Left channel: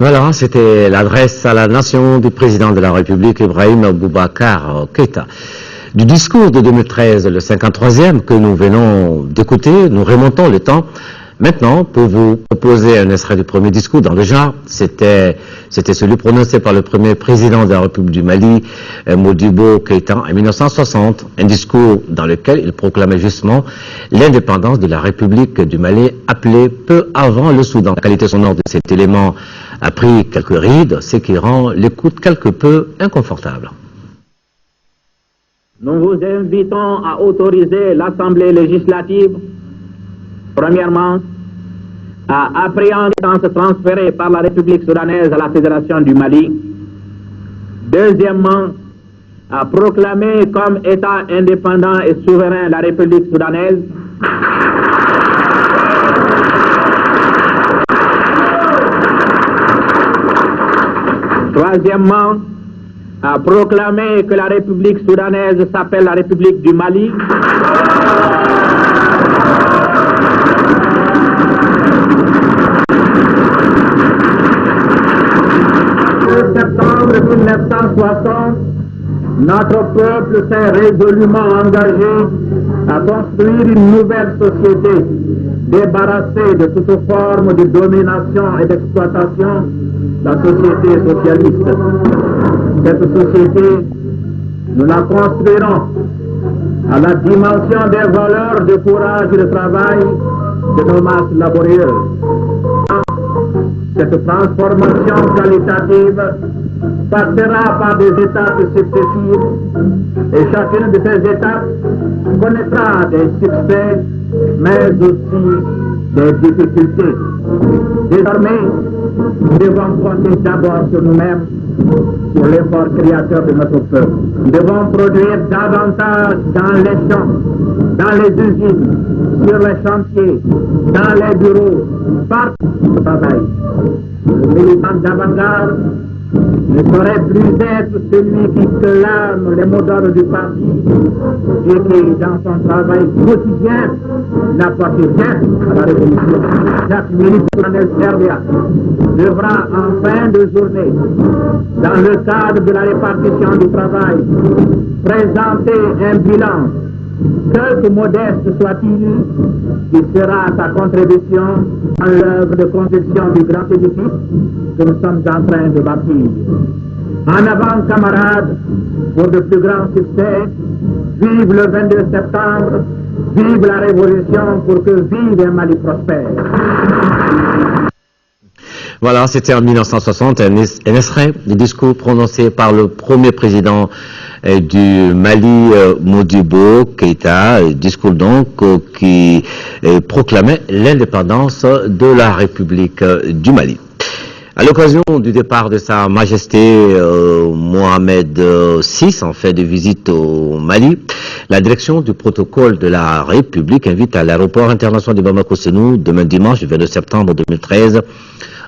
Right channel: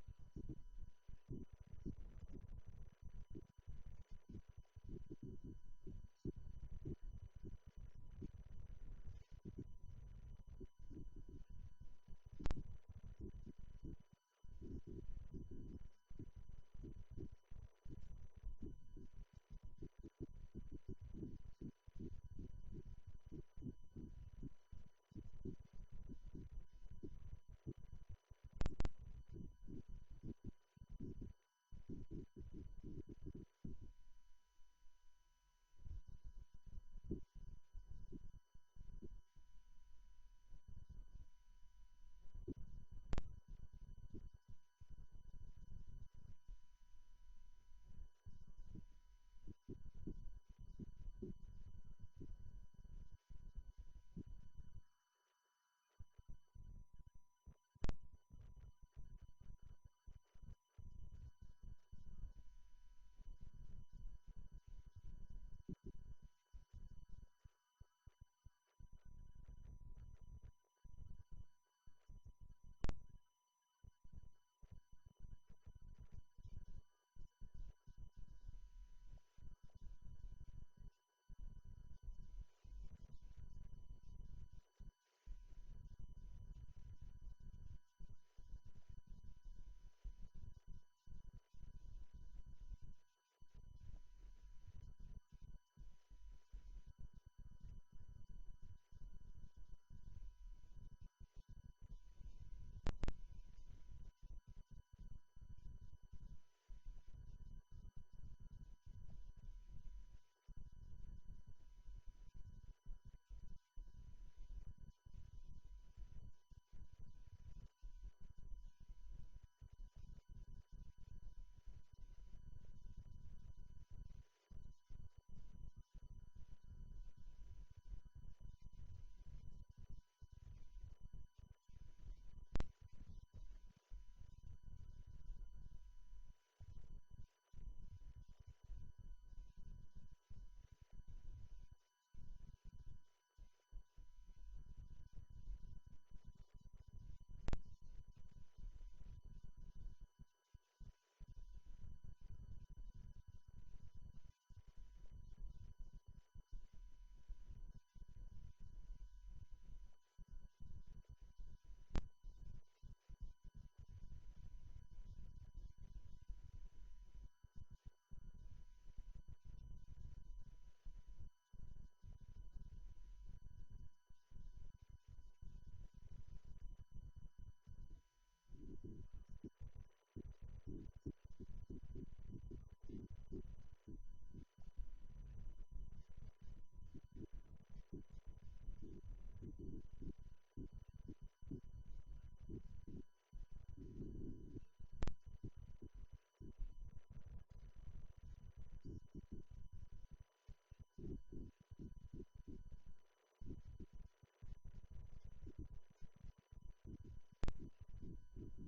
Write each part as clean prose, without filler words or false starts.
Voilà, c'était l'adresse à la nation du président de la République, Ibrahim Boubacar Keïta. Du discours de 2013, le 53e que nous venons d'écouter, nous remontons le temps. Maintenant, pour vous proposer un extrait du premier discours dans le genre, c'était celui prononcé par le premier président de la République du Mali, Modibo Keïta, en 1960, un discours dans lequel il proclamait justement l'indépendance de la République du Mali, appelée peu avant le Soudan. La qualité sonore de cet élément a pris quelques rides, ce qui rend l'écoute quelque peu inconfortable. Nous vous invitons à autoriser l'Assemblée législative, premièrement, à appréhender les transférés par la République soudanaise à la Fédération du Mali. Deuxièmement, à proclamer comme État indépendant et souverain la République soudanaise. Troisièmement, à proclamer que la République soudanaise s'appelle la République du Mali. En septembre 1960, notre peuple s'est résolument engagé à construire une nouvelle société débarrassée de toute forme de domination et d'exploitation, la société socialiste. Cette société, nous la construirons à la dimension des valeurs de courage et de travail de nos masses laborieuses. Cette transformation qualitative passera par des étapes successives et chacune de ces étapes connaîtra des succès, mais aussi des difficultés. Désormais, nous devons compter d'abord sur nous-mêmes, sur l'effort créateur de notre peuple. Nous devons produire davantage dans les champs, dans les usines, sur les chantiers, dans les bureaux, partout au travail. Le militant d'avant-garde ne saurait plus être celui qui clame les mots d'ordre du parti et qui, dans son travail quotidien, n'apporte rien à la révolution. Chaque militant RDA devra en fin de journée, dans le cadre de la répartition du travail, présenter un bilan, quelque modeste soit-il, qui sera sa contribution à l'œuvre de construction du grand édifice que nous sommes en train de bâtir. En avant, camarades, pour de plus grands succès, vive le 22 septembre, vive la Révolution pour que vive un Mali prospère. Voilà, c'était en 1960 un extrait du discours prononcé par le premier président du Mali, Modibo Keïta, discours donc qui proclamait l'indépendance de la République du Mali. À l'occasion du départ de Sa Majesté Mohamed VI, en fait de visite au Mali, la direction du protocole de la République invite à l'aéroport international de Bamako-Sénou, demain dimanche, 22 septembre 2013,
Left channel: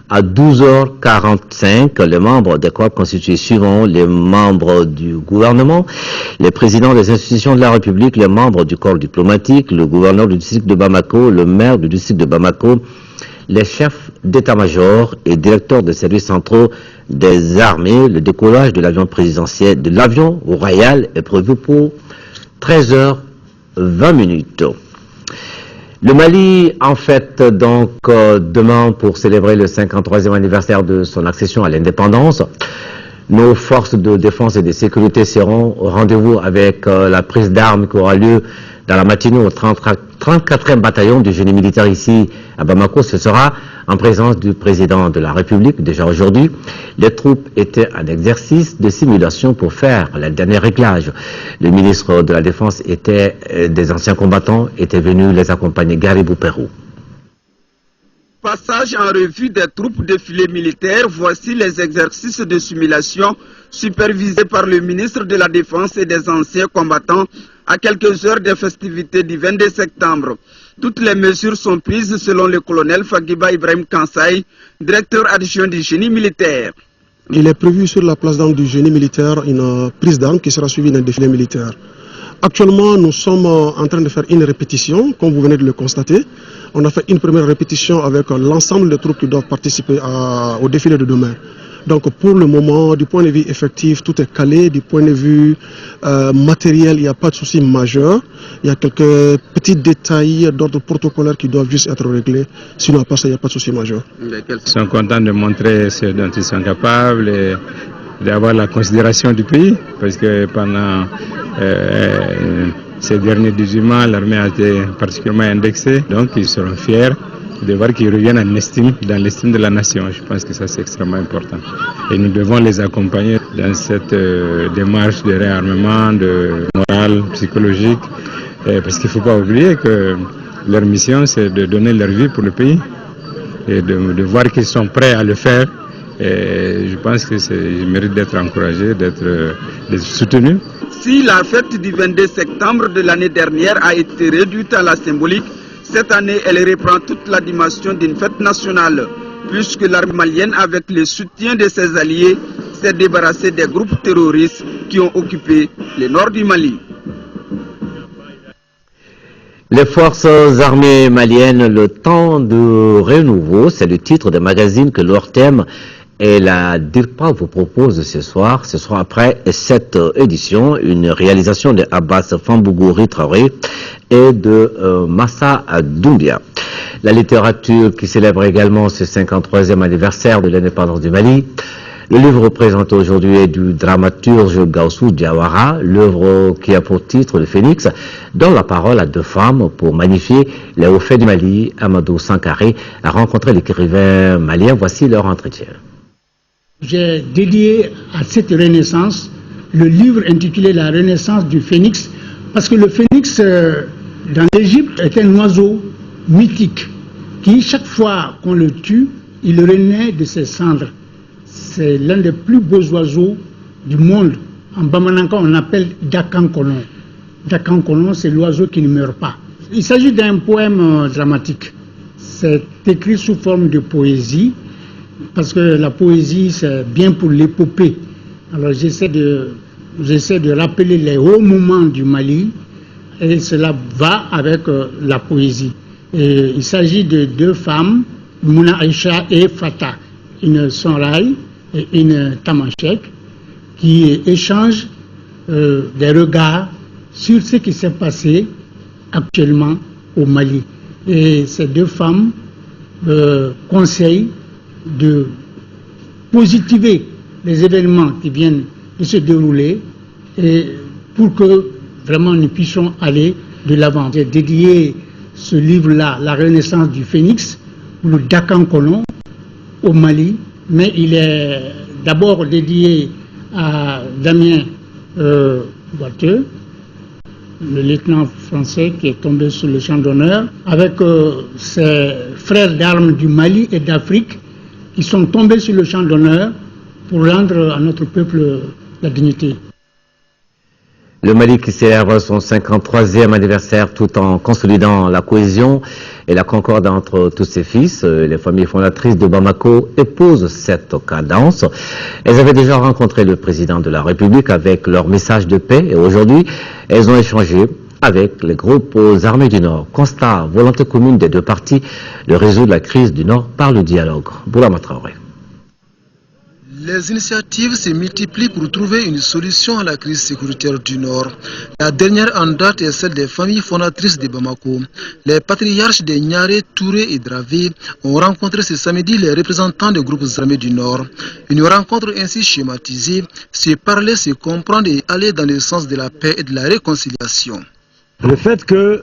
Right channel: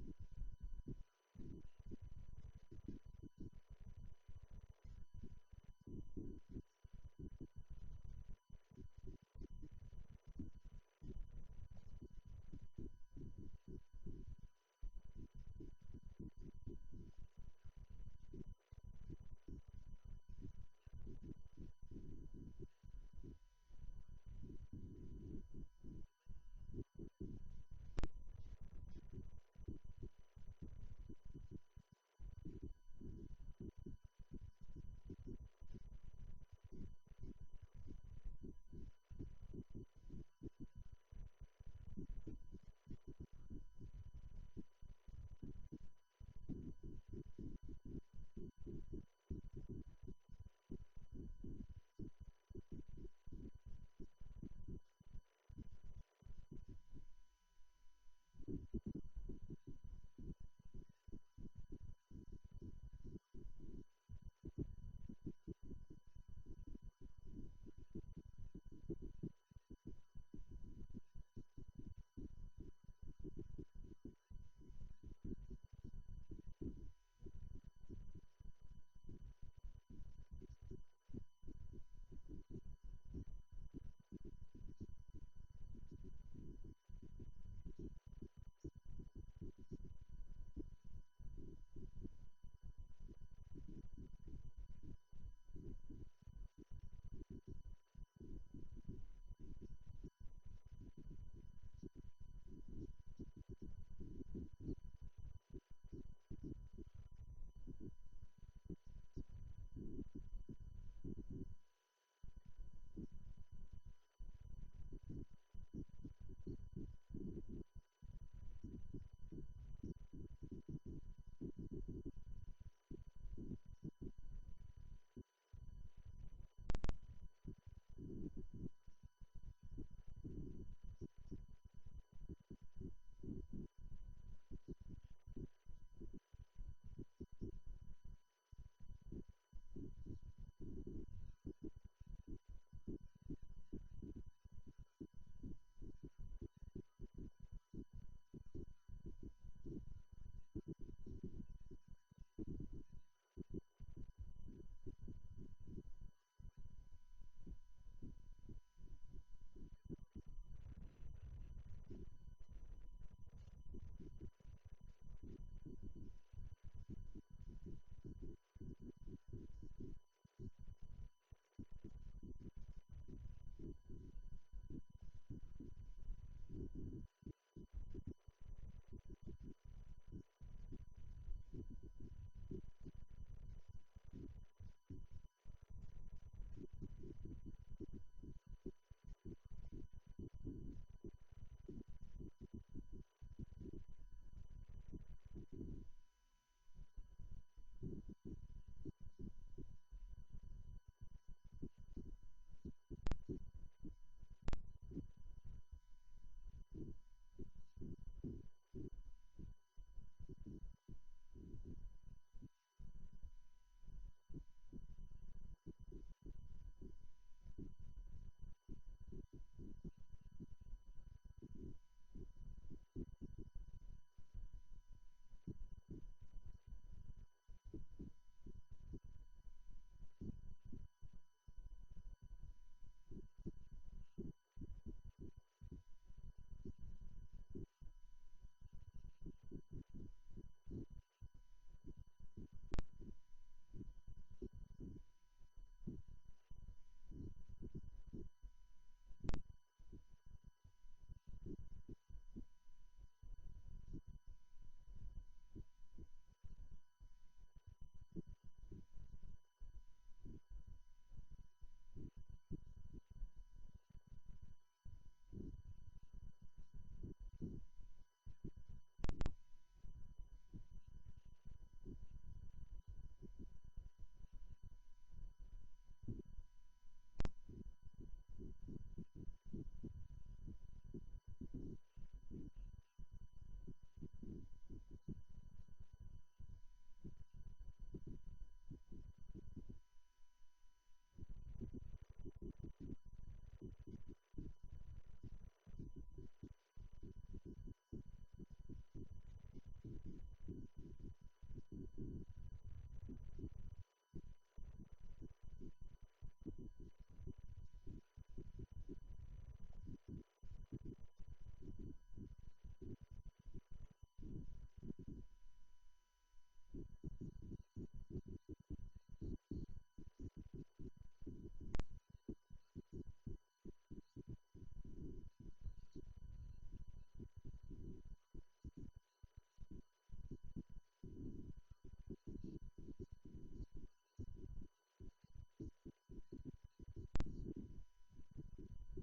à 12h45, les membres des corps constitués suivant les membres du gouvernement, les présidents des institutions de la République, les membres du corps diplomatique, le gouverneur du district de Bamako, le maire du district de Bamako, les chefs d'état-major et directeurs des services centraux des armées. Le décollage de l'avion présidentiel, de l'avion royal est prévu pour 13h20. Le Mali, en fait, donc, demain, pour célébrer le 53e anniversaire de son accession à l'indépendance, nos forces de défense et de sécurité seront au rendez-vous avec la prise d'armes qui aura lieu dans la matinée au 34e bataillon du génie militaire ici à Bamako. Ce sera en présence du président de la République, déjà aujourd'hui. Les troupes étaient en exercice de simulation pour faire le dernier réglage. Le ministre de la Défense des anciens combattants était venu les accompagner. Garibou Pérou. Passage en revue des troupes défilés militaires, voici les exercices de simulation supervisés par le ministre de la Défense et des anciens combattants à quelques heures des festivités du 22 septembre. Toutes les mesures sont prises selon le colonel Fagiba Ibrahim Kansai, directeur adjoint du génie militaire. Il est prévu sur la place d'armes du génie militaire une prise d'armes qui sera suivie d'un défilé militaire. Actuellement, nous sommes en train de faire une répétition, comme vous venez de le constater. On a fait une première répétition avec l'ensemble des troupes qui doivent participer au défilé de demain. Donc pour le moment, du point de vue effectif, tout est calé. Du point de vue matériel, il n'y a pas de souci majeur. Il y a quelques petits détails d'ordre protocolaire qui doivent juste être réglés. Sinon, à part ça, il n'y a pas de souci majeur. Ils sont contents de montrer ce dont ils sont capables et d'avoir la considération du pays. Parce que pendant ces derniers 18 mois, l'armée a été particulièrement indexée. Donc ils seront fiers de voir qu'ils reviennent dans l'estime de la nation. Je pense que ça c'est extrêmement important. Et nous devons les accompagner dans cette démarche de réarmement, de morale, psychologique. Parce qu'il ne faut pas oublier que leur mission c'est de donner leur vie pour le pays. Et de voir qu'ils sont prêts à le faire. Et je pense qu'ils méritent d'être encouragés, d'être soutenus. Si la fête du 22 septembre de l'année dernière a été réduite à la symbolique, cette année, elle reprend toute la dimension d'une fête nationale, puisque l'armée malienne, avec le soutien de ses alliés, s'est débarrassée des groupes terroristes qui ont occupé le nord du Mali. Les forces armées maliennes, le temps de renouveau, c'est le titre des magazines que leur thème et la DIRPA vous propose ce soir après cette édition, une réalisation de Abbas Fambougou Traoré et de Massa Doumbia. La littérature qui célèbre également ce 53e anniversaire de l'indépendance du Mali. Le livre présenté aujourd'hui est du dramaturge Gaussou Diawara, l'œuvre qui a pour titre Le Phénix, donne la parole à deux femmes pour magnifier les hauts faits du Mali. Amadou Sankaré a rencontré l'écrivain malien. Voici leur entretien. J'ai dédié à cette renaissance le livre intitulé La Renaissance du Phénix, parce que le phénix dans l'Égypte est un oiseau mythique qui, chaque fois qu'on le tue, il renaît de ses cendres. C'est l'un des plus beaux oiseaux du monde. En Bamananka, on appelle Dakankolon. Dakankolon, c'est l'oiseau qui ne meurt pas. Il s'agit d'un poème dramatique. C'est écrit sous forme de poésie, parce que la poésie, c'est bien pour l'épopée. Alors j'essaie de rappeler les hauts moments du Mali, et cela va avec la poésie. Et il s'agit de deux femmes, Mouna Aïcha et Fata, une Sonraï et une Tamashek, qui échangent des regards sur ce qui s'est passé actuellement au Mali. Et ces deux femmes conseillent de positiver les événements qui viennent de se dérouler et pour que vraiment nous puissions aller de l'avant. J'ai dédié ce livre-là, La Renaissance du Phénix, le Dakankolon, au Mali, mais il est d'abord dédié à Damien Boiteux, le lieutenant français qui est tombé sur le champ d'honneur, avec ses frères d'armes du Mali et d'Afrique qui sont tombés sur le champ d'honneur pour rendre à notre peuple la dignité. Le Mali qui célèbre son 53e anniversaire tout en consolidant la cohésion et la concorde entre tous ses fils. Les familles fondatrices de Bamako épousent cette cadence. Elles avaient déjà rencontré le président de la République avec leur message de paix et aujourd'hui, elles ont échangé avec les groupes armés du Nord. Constat, volonté commune des deux parties de résoudre la crise du Nord par le dialogue. Boulama Traoré. Les initiatives se multiplient pour trouver une solution à la crise sécuritaire du Nord. La dernière en date est celle des familles fondatrices de Bamako. Les patriarches de Niaré, Touré et Dravé ont rencontré ce samedi les représentants des groupes armés du Nord. Une rencontre ainsi schématisée, se parler, se comprendre et aller dans le sens de la paix et de la réconciliation. Le fait que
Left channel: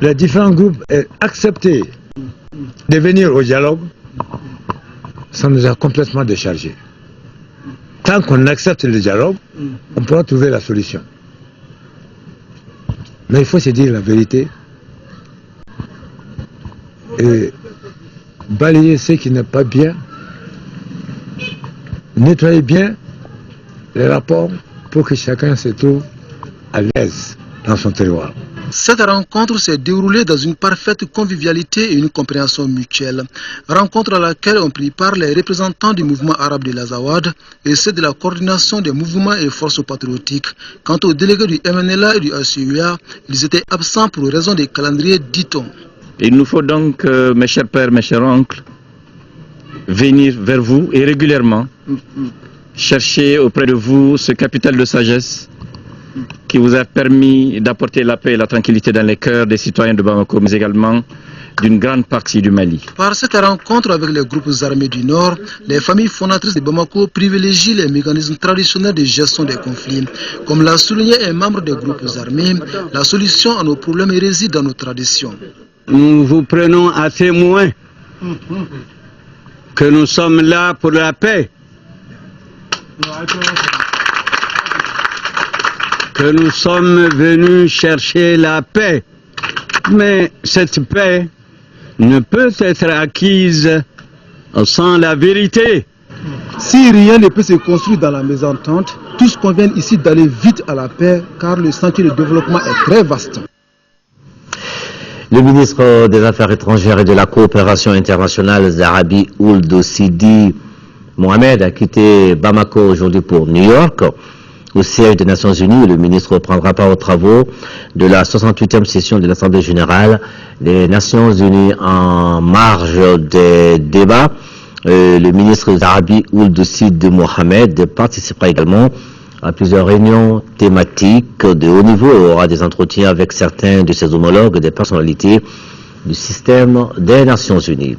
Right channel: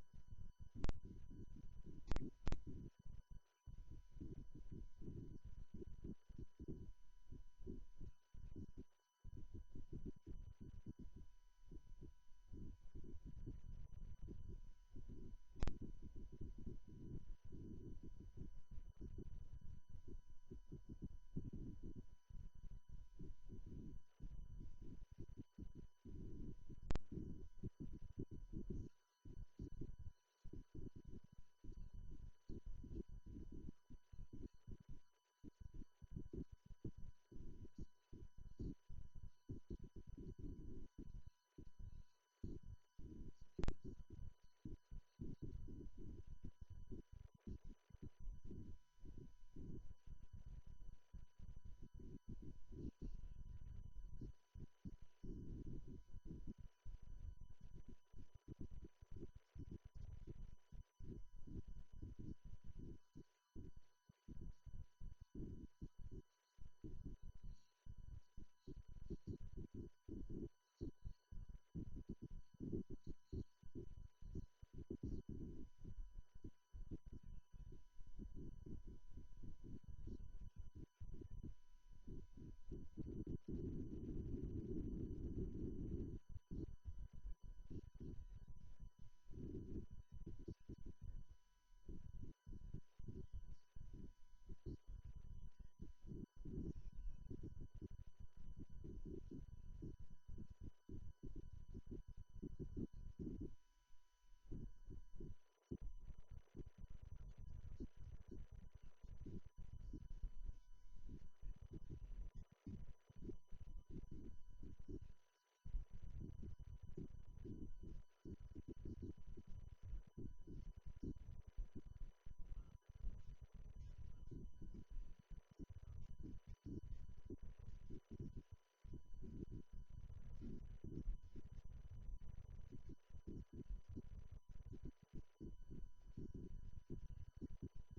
les différents groupes aient accepté de venir au dialogue, ça nous a complètement déchargés. Tant qu'on accepte le dialogue, on pourra trouver la solution. Mais il faut se dire la vérité et balayer ce qui n'est pas bien, nettoyer bien les rapports pour que chacun se trouve à l'aise dans son terroir. Cette rencontre s'est déroulée dans une parfaite convivialité et une compréhension mutuelle. Rencontre à laquelle ont pris part les représentants du mouvement arabe de l'Azawad et ceux de la coordination des mouvements et forces patriotiques. Quant aux délégués du MNLA et du HCUA, ils étaient absents pour raison des calendriers, dit-on. Il nous faut donc, mes chers pères, mes chers oncles, venir vers vous et régulièrement chercher auprès de vous ce capital de sagesse qui vous a permis d'apporter la paix et la tranquillité dans les cœurs des citoyens de Bamako, mais également d'une grande partie du Mali. Par cette rencontre avec les groupes armés du Nord, les familles fondatrices de Bamako privilégient les mécanismes traditionnels de gestion des conflits. Comme l'a souligné un membre des groupes armés, la solution à nos problèmes réside dans nos traditions. Nous vous prenons à témoin que nous sommes là pour la paix. Que nous sommes venus chercher la paix. Mais cette paix ne peut être acquise sans la vérité. Si rien ne peut se construire dans la mésentente, tous conviennent ici d'aller vite à la paix, car le sentier de développement est très vaste. Le ministre des Affaires étrangères et de la coopération internationale, Zarabi Ould Sidi Mohamed, a quitté Bamako aujourd'hui pour New York, au siège des Nations Unies. Le ministre prendra part aux travaux de la 68e session de l'Assemblée générale des Nations Unies. En marge des débats, le ministre Zarabi Ould Sidi Mohamed participera également à plusieurs réunions thématiques de haut niveau et aura des entretiens avec certains de ses homologues et des personnalités du système des Nations Unies.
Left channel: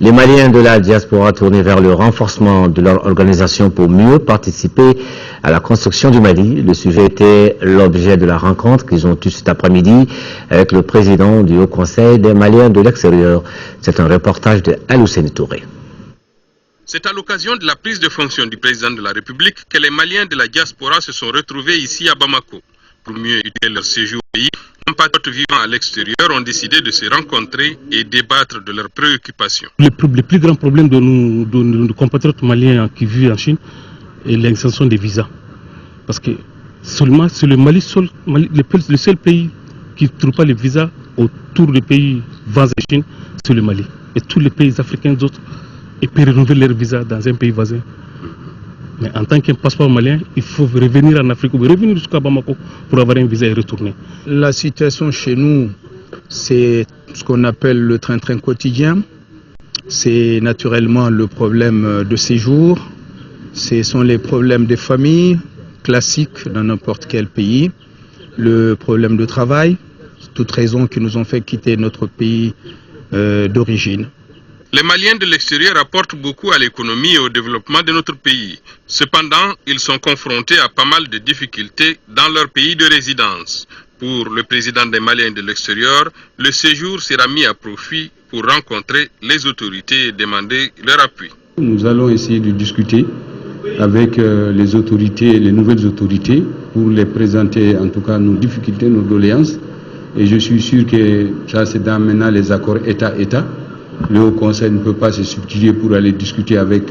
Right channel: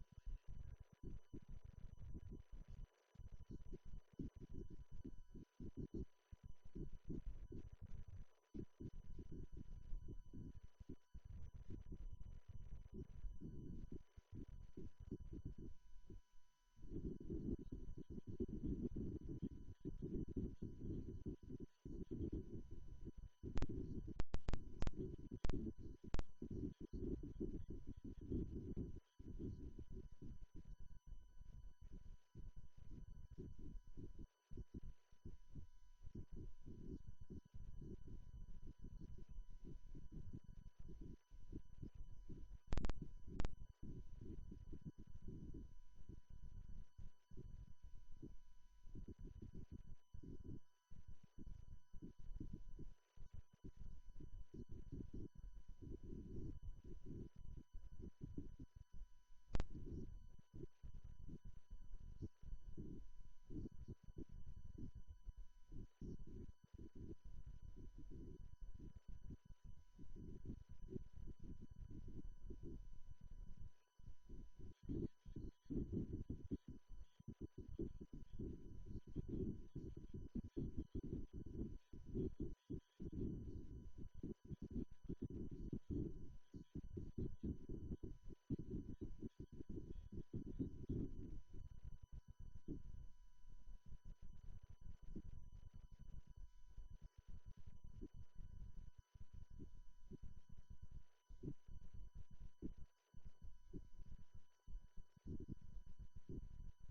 Les Maliens de la diaspora tournés vers le renforcement de leur organisation pour mieux participer à la construction du Mali. Le sujet était l'objet de la rencontre qu'ils ont eue cet après-midi avec le président du Haut Conseil des Maliens de l'extérieur. C'est un reportage de Al-Hussein Touré. C'est à l'occasion de la prise de fonction du président de la République que les Maliens de la diaspora se sont retrouvés ici à Bamako. Pour mieux aider leur séjour au pays, compatriotes vivant à l'extérieur ont décidé de se rencontrer et débattre de leurs préoccupations. Le plus grand problème de nos compatriotes maliens qui vivent en Chine est l'extension des visas. Parce que seulement c'est le Mali, le seul pays qui ne trouve pas les visas autour des pays voisins de Chine, c'est le Mali. Et tous les pays africains d'autres, ils peuvent renouveler leur visa dans un pays voisin. Mais en tant qu'un passeport malien, il faut revenir en Afrique ou revenir jusqu'à Bamako pour avoir un visa et retourner. La situation chez nous, c'est ce qu'on appelle le train-train quotidien. C'est naturellement le problème de séjour. Ce sont les problèmes des familles classiques dans n'importe quel pays. Le problème de travail, toutes raisons qui nous ont fait quitter notre pays d'origine. Les Maliens de l'extérieur apportent beaucoup à l'économie et au développement de notre pays. Cependant, ils sont confrontés à pas mal de difficultés dans leur pays de résidence. Pour le président des Maliens de l'extérieur, le séjour sera mis à profit pour rencontrer les autorités et demander leur appui. Nous allons essayer de discuter avec les autorités, les nouvelles autorités, pour les présenter en tout cas nos difficultés, nos doléances. Et je suis sûr que ça c'est dans maintenant les accords État-État. Le Haut Conseil ne peut pas se substituer pour aller discuter avec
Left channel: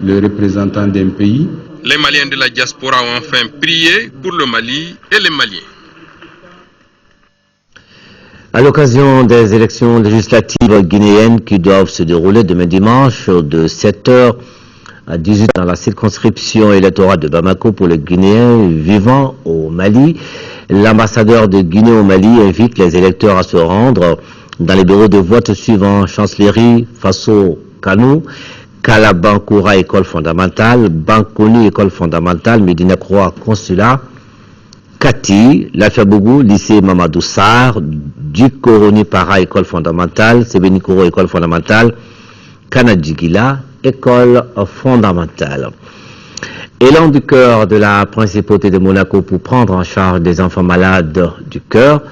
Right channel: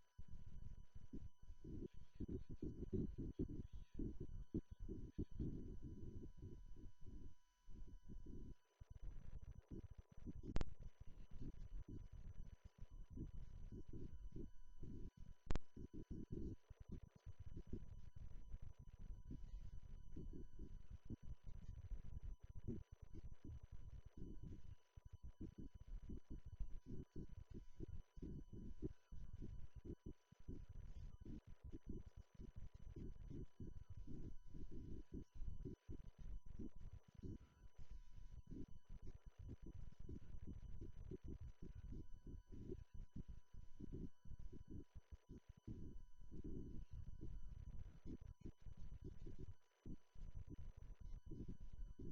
le représentant d'un pays. Les Maliens de la diaspora ont enfin prié pour le Mali et les Maliens. À l'occasion des élections législatives guinéennes qui doivent se dérouler demain dimanche de 7h à 18h dans la circonscription électorale de Bamako pour les Guinéens vivant au Mali, l'ambassadeur de Guinée au Mali invite les électeurs à se rendre dans les bureaux de vote suivants: Chancellerie, Faso, Kanou, Kalabankoura, école fondamentale, Bankoni, école fondamentale, Médina Croix, consulat, Kati, Lafiabougou, lycée Mamadou Sarr, Dukoroni Para, école fondamentale, Sebenikoro, école fondamentale, Kanadjigila, école fondamentale. Élan du cœur de la principauté de Monaco pour prendre en charge des enfants malades du cœur.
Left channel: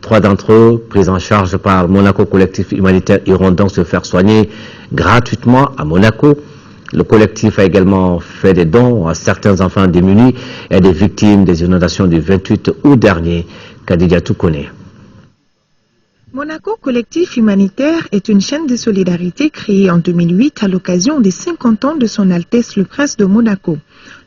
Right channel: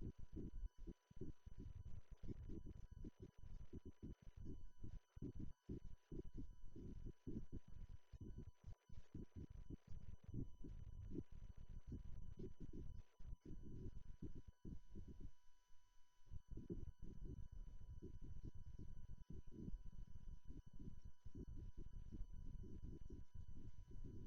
3 d'entre eux, pris en charge par Monaco Collectif Humanitaire, iront donc se faire soigner gratuitement à Monaco. Le collectif a également fait des dons à certains enfants démunis et à des victimes des inondations du 28 août dernier. Kadidia Toukone. Monaco Collectif Humanitaire est une chaîne de solidarité créée en 2008 à l'occasion des 50 ans de son Altesse le Prince de Monaco.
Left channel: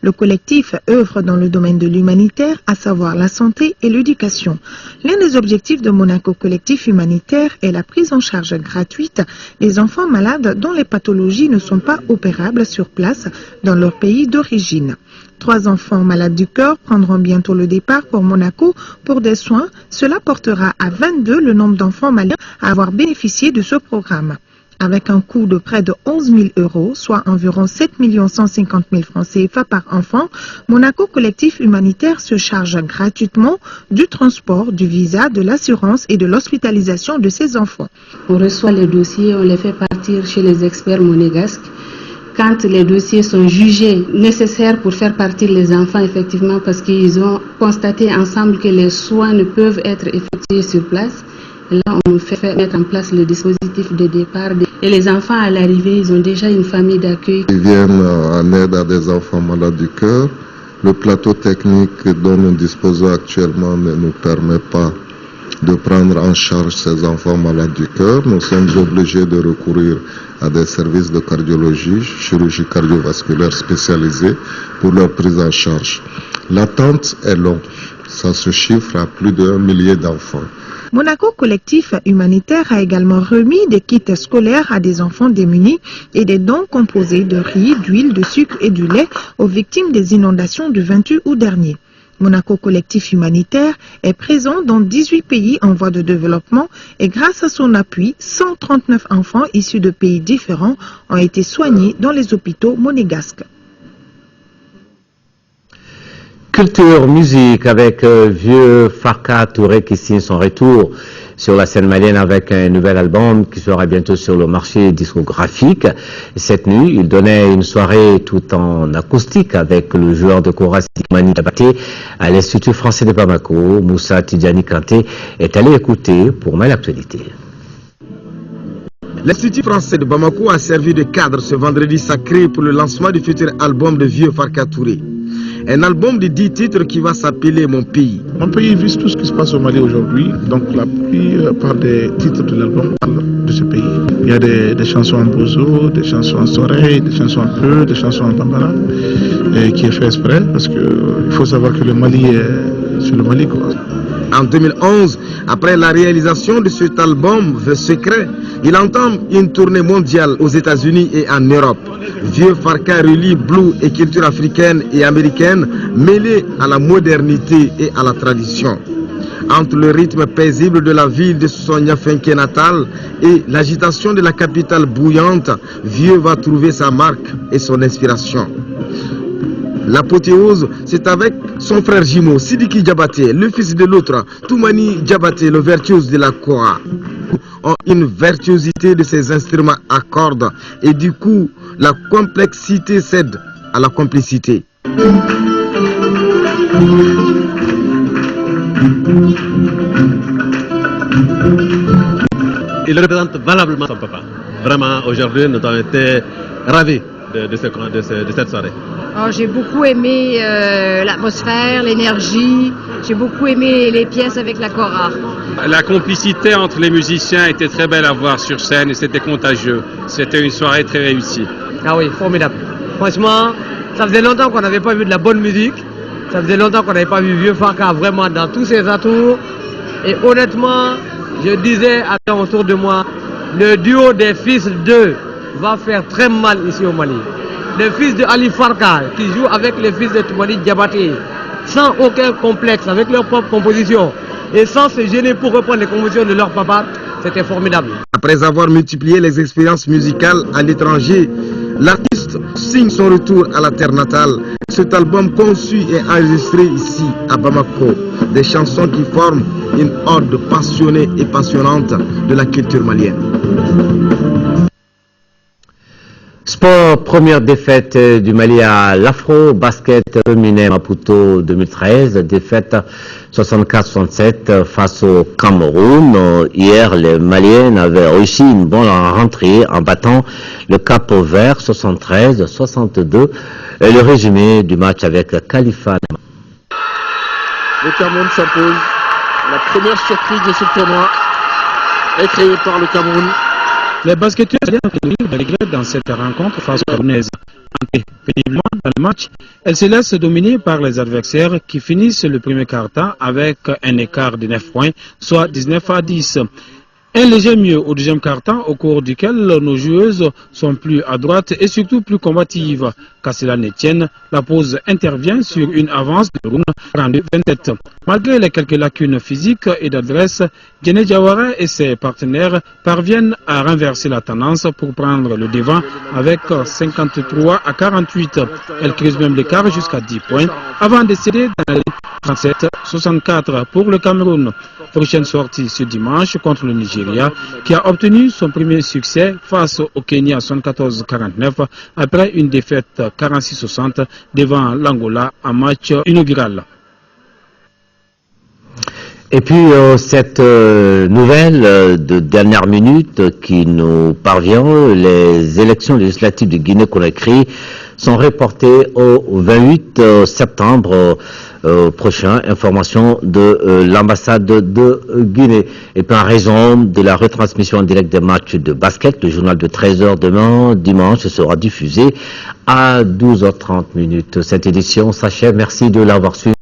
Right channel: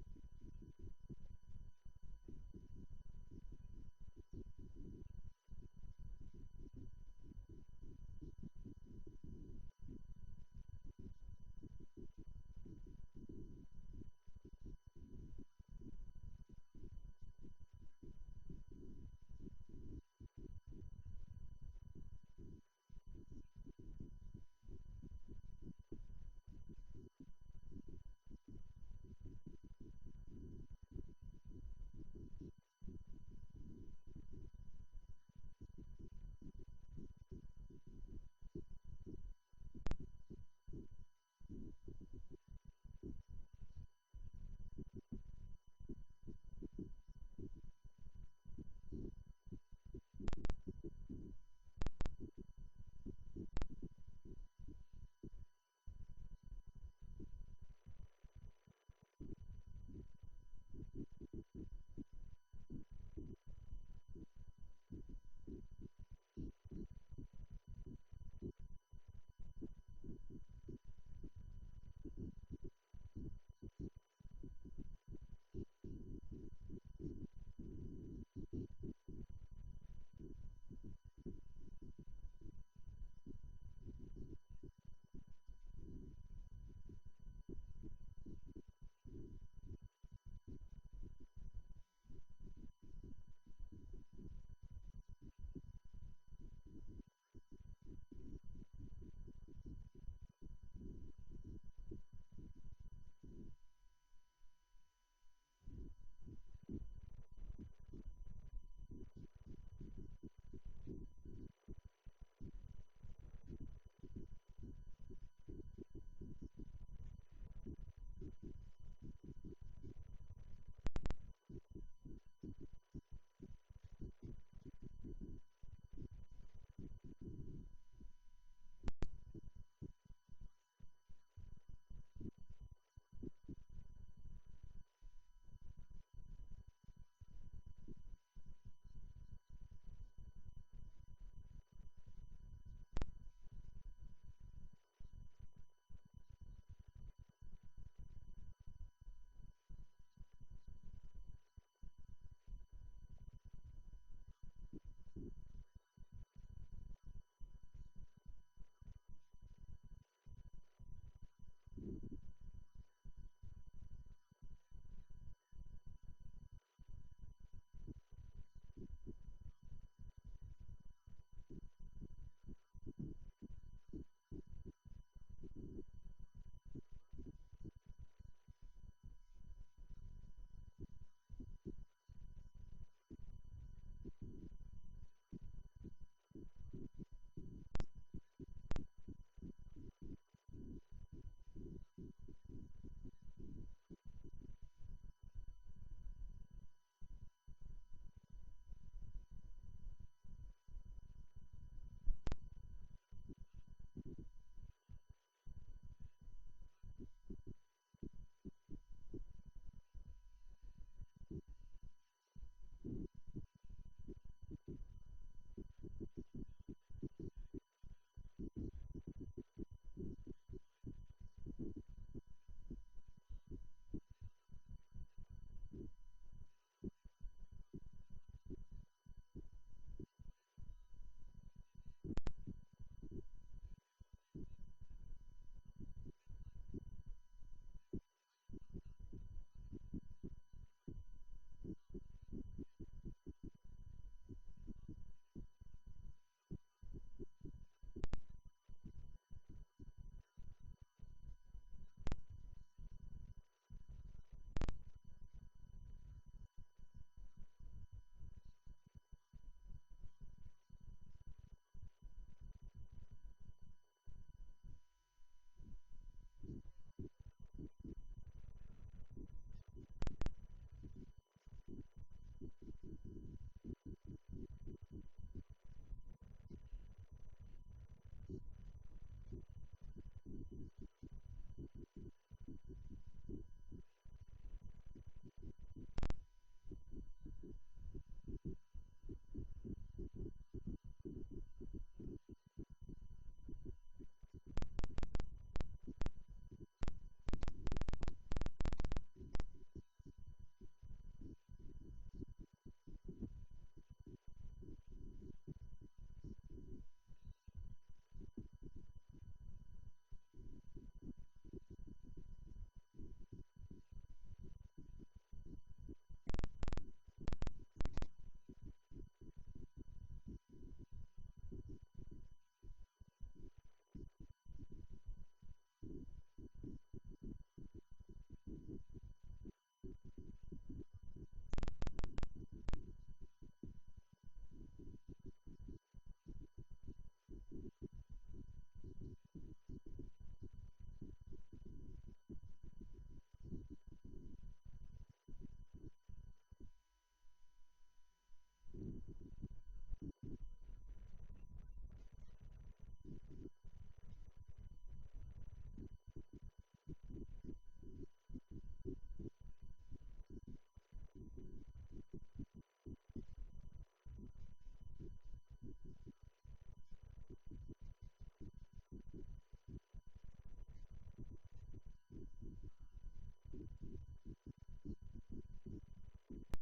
Le collectif œuvre dans le domaine de l'humanitaire, à savoir la santé et l'éducation. L'un des objectifs de Monaco Collectif Humanitaire est la prise en charge gratuite des enfants malades dont les pathologies ne sont pas opérables sur place dans leur pays d'origine. 3 enfants malades du cœur prendront bientôt le départ pour Monaco pour des soins. Cela portera à 22 le nombre d'enfants malades à avoir bénéficié de ce programme. Avec un coût de près de 11 000 €, soit environ 7 150 000 francs CFA par enfant, Monaco Collectif Humanitaire se charge gratuitement du transport, du visa, de l'assurance et de l'hospitalisation de ces enfants. On reçoit les dossiers, on les fait partir chez les experts monégasques. Quand les dossiers sont jugés nécessaires pour faire partir les enfants, effectivement, parce qu'ils ont constaté ensemble que les soins ne peuvent être effectués sur place, et là, on fait mettre en place le dispositif de départ. Et les enfants, à l'arrivée, ils ont déjà une famille d'accueil. Ils viennent en aide à des enfants malades du cœur. Le plateau technique dont nous disposons actuellement ne nous permet pas de prendre en charge ces enfants malades du cœur. Nous sommes obligés de recourir à des services de cardiologie, chirurgie cardiovasculaire spécialisée pour leur prise en charge. L'attente est longue. Ça se chiffre à plus d'1 millier d'enfants. Monaco Collectif Humanitaire a également remis des kits scolaires à des enfants démunis et des dons composés de riz, d'huile, de sucre et du lait aux victimes des inondations du 28 août dernier. Monaco Collectif Humanitaire est présent dans 18 pays en voie de développement et grâce à son appui, 139 enfants issus de pays différents ont été soignés dans les hôpitaux monégasques. Culture, musique avec Vieux Farka Touré qui signe son retour sur la scène malienne avec un nouvel album qui sera bientôt sur le marché discographique. Cette nuit, il donnait une soirée tout en acoustique avec le joueur de kora Mani Diabaté à l'Institut français de Bamako. Moussa Tidjani Kanté est allé écouter pour Mal Actualité. L'Institut français de Bamako a servi de cadre ce vendredi sacré pour le lancement du futur album de Vieux Farka Touré. Un album de 10 titres qui va s'appeler Mon pays. Mon pays vise tout ce qui se passe au Mali aujourd'hui. Donc la plupart des titres de l'album parlent de ce pays. Il y a des chansons en bozo, des chansons en soreille, des chansons en peu, des chansons en bambara, qui est fait exprès parce qu'il faut savoir que le Mali est sur le Mali, quoi. En 2011, après la réalisation de cet album The Secret, il entame une tournée mondiale aux États-Unis et en Europe. Vieux Farka relie blues et culture africaine et américaine mêlée à la modernité et à la tradition. Entre le rythme paisible de la ville de son Niafinké natal et l'agitation de la capitale bouillante, Vieux va trouver sa marque et son inspiration. L'apothéose, c'est avec son frère jumeau, Sidiki Diabaté, le fils de l'autre, Toumani Diabaté, le virtuose de la kora. Une virtuosité de ces instruments à cordes et du coup, la complexité cède à la complicité. Il représente valablement son papa. Vraiment, aujourd'hui, nous avons été ravis de cette soirée. Oh, j'ai beaucoup aimé l'atmosphère, l'énergie. J'ai beaucoup aimé les pièces avec la kora. La complicité entre les musiciens était très belle à voir sur scène et c'était contagieux. C'était une soirée très réussie. Ah oui, formidable. Franchement, ça faisait longtemps qu'on n'avait pas vu de la bonne musique. Ça faisait longtemps qu'on n'avait pas vu Vieux Farka vraiment dans tous ses atours. Et honnêtement, je disais à gens autour de moi, le duo des fils d'eux va faire très mal ici au Mali. Le fils de Ali Farka qui joue avec le fils de Toumani Diabaté, sans aucun complexe, avec leur propre composition et sans se gêner pour reprendre les compositions de leur papa, c'était formidable. Après avoir multiplié les expériences musicales à l'étranger, l'artiste signe son retour à la terre natale. Cet album conçu et enregistré ici à Bamako, des chansons qui forment une ode passionnée et passionnante de la culture malienne. Sport, première défaite du Mali à l'Afro-Basket féminin Maputo 2013, défaite 64-67 face au Cameroun. Hier, les Maliennes avaient réussi une bonne rentrée en battant le Cap-Vert 73-62. Et le résumé du match avec Khalifa. Le Cameroun s'impose. La première surprise de ce tournoi est créée par le Cameroun. Les basketteurs ont dans cette rencontre face aux Camerounaises. péniblement dans le match, elle se laisse dominer par les adversaires qui finissent le premier quart-temps avec un écart de 9 points, soit 19-10. Un léger mieux au deuxième quart-temps, au cours duquel nos joueuses sont plus adroites et surtout plus combatives. Qu'à cela ne tienne, la pause intervient sur une avance de Rouen 42-27. Malgré les quelques lacunes physiques et d'adresse, Diéné Diawara et ses partenaires parviennent à renverser la tendance pour prendre le devant avec 53-48. Elle creuse même l'écart jusqu'à 10 points avant de céder dans la 37-64 pour le Cameroun. Prochaine sortie ce dimanche contre le Nigeria qui a obtenu son premier succès face au Kenya 74-49 après une défaite 46-60 devant l'Angola en match inaugural. Et puis cette nouvelle de dernière minute qui nous parvient, les élections législatives de Guinée-Conakry sont reportées au 28 septembre prochain. Information de l'ambassade de Guinée. Et puis en raison de la retransmission en direct des matchs de basket, le journal de 13h demain, dimanche, sera diffusé à 12h30. Cette édition s'achève. Merci de l'avoir suivi.